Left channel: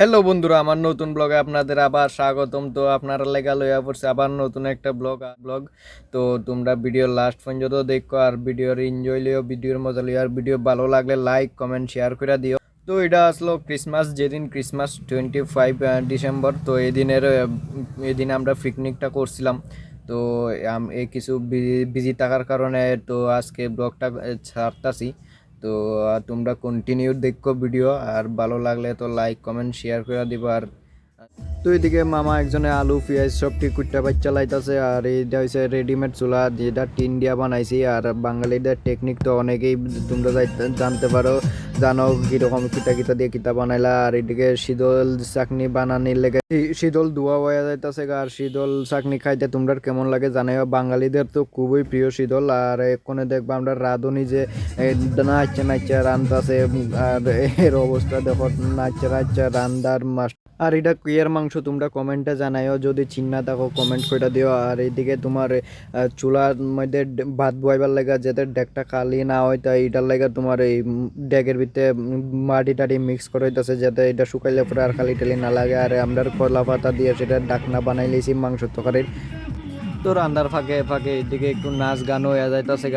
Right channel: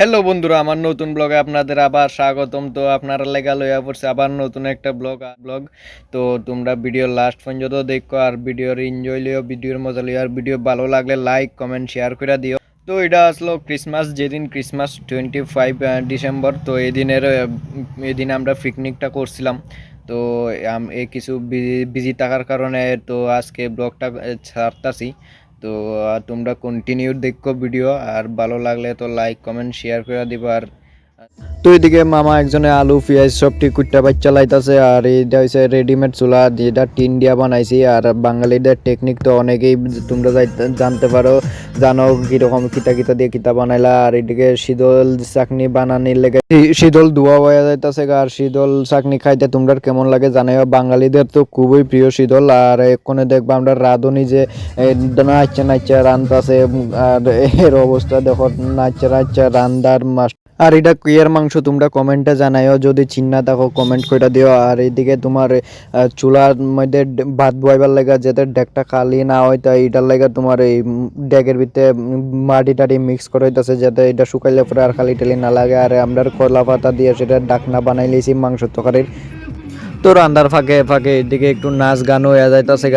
Hello বন্ধুরা, আমার নতুন ব্লগে আপনাদের আবার স্বাগতম। তো আপনারা লেগা লইয়া পড়ছে আবার নতুন একটা ব্লগ। তো তোমরা ভিডিও লাস্ট পর্যন্ত দেখো আর ভিডিওর এনজয় লিও, ভিডিওর মজা লিও। আর ভিডিও ভালো লাগলে লাইক কমেন্ট শেয়ার করে দিও। তো এটা আসলো ক্রিসমাস, যেদিন ক্রিসমাস 25 ডিসেম্বর। তো এদিন আমরা পিকনিকটা করছিলাম। তো কিছু বিজি থাকার কারণে তো আজকে ব্লগটা ছাড়তাছি। তো তোমরা কন্টিনিউ দেখো ভিডিও, আর ভালো লাগলে তো লাইক কমেন্ট শেয়ার করে দিবা। আর তো এদিকে মামা একজনে আলু পেঁয়াজ সবটি কুট্টা বাচ্চা লাইতাছে। আর এইটা হচ্ছে রেডিমেড চুলা, যেটা টিন দিয়া বানাইছি। আর বাঙালিদের টেকনিক তো অনেকেই তোমরা জানতে পারো, জানো কিরকম কিতা কিতা দিয়ে কিতা বানাইলা। আর এদিকে শীতল চাকনি বানানির লেগে শীতল ধোয়া হয়ে যাইতাছে। আর শীতল চাকনি খাইতে তোমরা কেমন লাগে জানাইও। বাঙালিদের তো খুবই প্রিয় শীতল। আর এক্ষণে দেখবা আমরা রাঁধুনি যে নাচা নাচা রান্তাছে। আর এর অবস্থা দেখো, নাচা নাচা রান্দার মাস। আর এটা কুইয়ার মাংস তোমরা কমেন্টে জানাইও, যদি চিন্না থাকো কমেন্ট করে দিও। আর এইদিকে তোমার চুলার মধ্যে ভাত বইবার লাগা যাতে ডেকটা খালি না হয়, তাই এটার লাগা তোমার এই ডেকের ভিতরে মাটি টাটি মিক্স করে হইতাছে, যাতে এটা শুকাইলে পরে আর খালি টালি না লাগে। আর আমরা কলা পাতা দিয়ে সেটা ডাকনা বানাই লিছি মাংস তরকারির। তো রান্নার ফাঁকে ফাঁকে এদিকে একটু নাচ গান হয়ে যাইতেছে।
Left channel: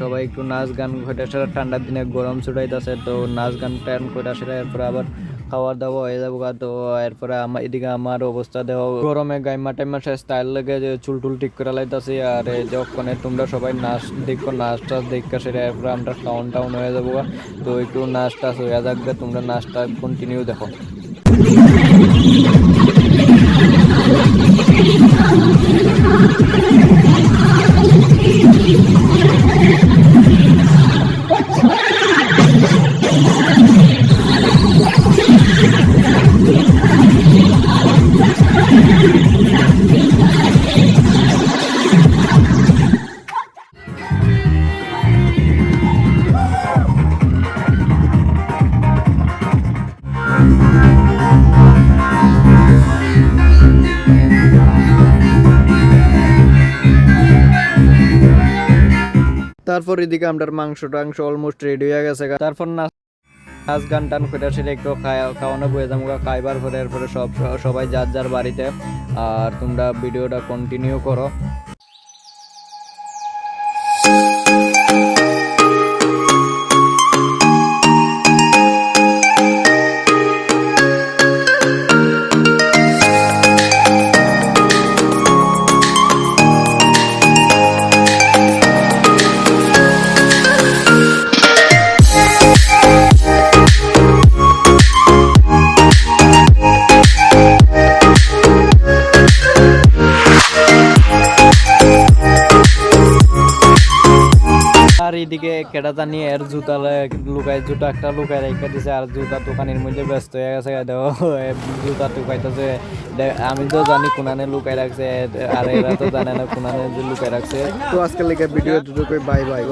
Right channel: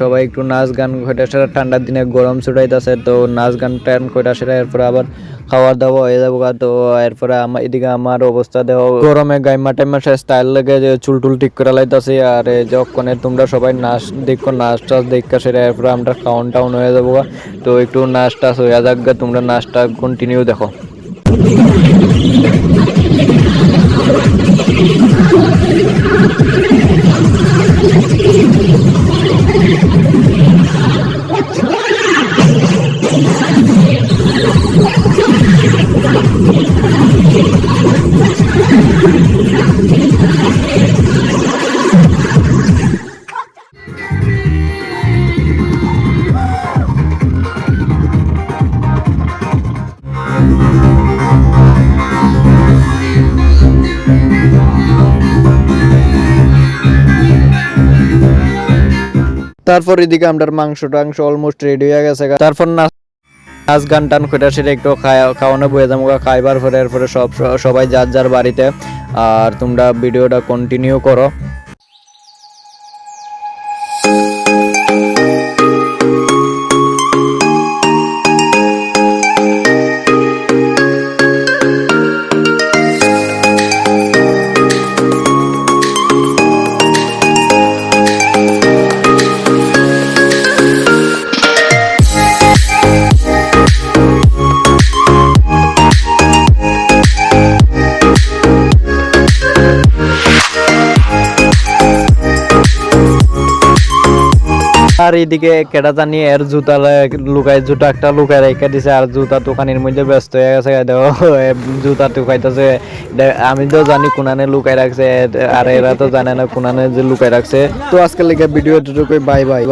সবাই একটু নাচ গান কইটা সেটা, ঠান্ডার দিনে গরম ছুটাইতেছে। তো নাচ গান টান কইটা সেটা, এরপরে আবার খাওয়া দাওয়া হয়ে যাবো। তো এরপরে এদিকে আমার অবস্থা দেখো, গরমে গাইমা টাইমা সে স্টাইল লেগে যে চুল টুল ঠিক করে লাইতাছে। আর যখন তোমরা সবাই নাচ দেখো, নাচ টাচ দেখা সেটা, এরপরে আমরা খাওয়ান টাউন হয়ে যাবো। তো একটু নাচ টাচ হয়ে যাক, তোমরা নাচটা কন্টিনিউ দেখো। তারপর এদিকে আমরা মাংস টাংস অলমোস্ট রেডি হয়ে গেছে। তারপর নাচ গান টান করে সেটা একটু খাওয়ানো বয়ে যাবো। খাইবার পরে এরপরে সবাই যার যার বাড়িতে। আর তোমরা ভিডিওটা কন্টিনিউ করো। আর এদিকে কেটা জানি এর জুতা জুতা একটা লুকায় রেখে দিছে। আর জুতা দোকানের মধ্যে ব্যস্ত হয়ে গেছে। জুতা টুকাইতেছে। আমি তো জানি কোনানে লুকাই রাখছে, আর এরা তো জানে না কোনানে যে লুকাই রাখছে। তো আজকের লেগে ভিডিও বাই বাই।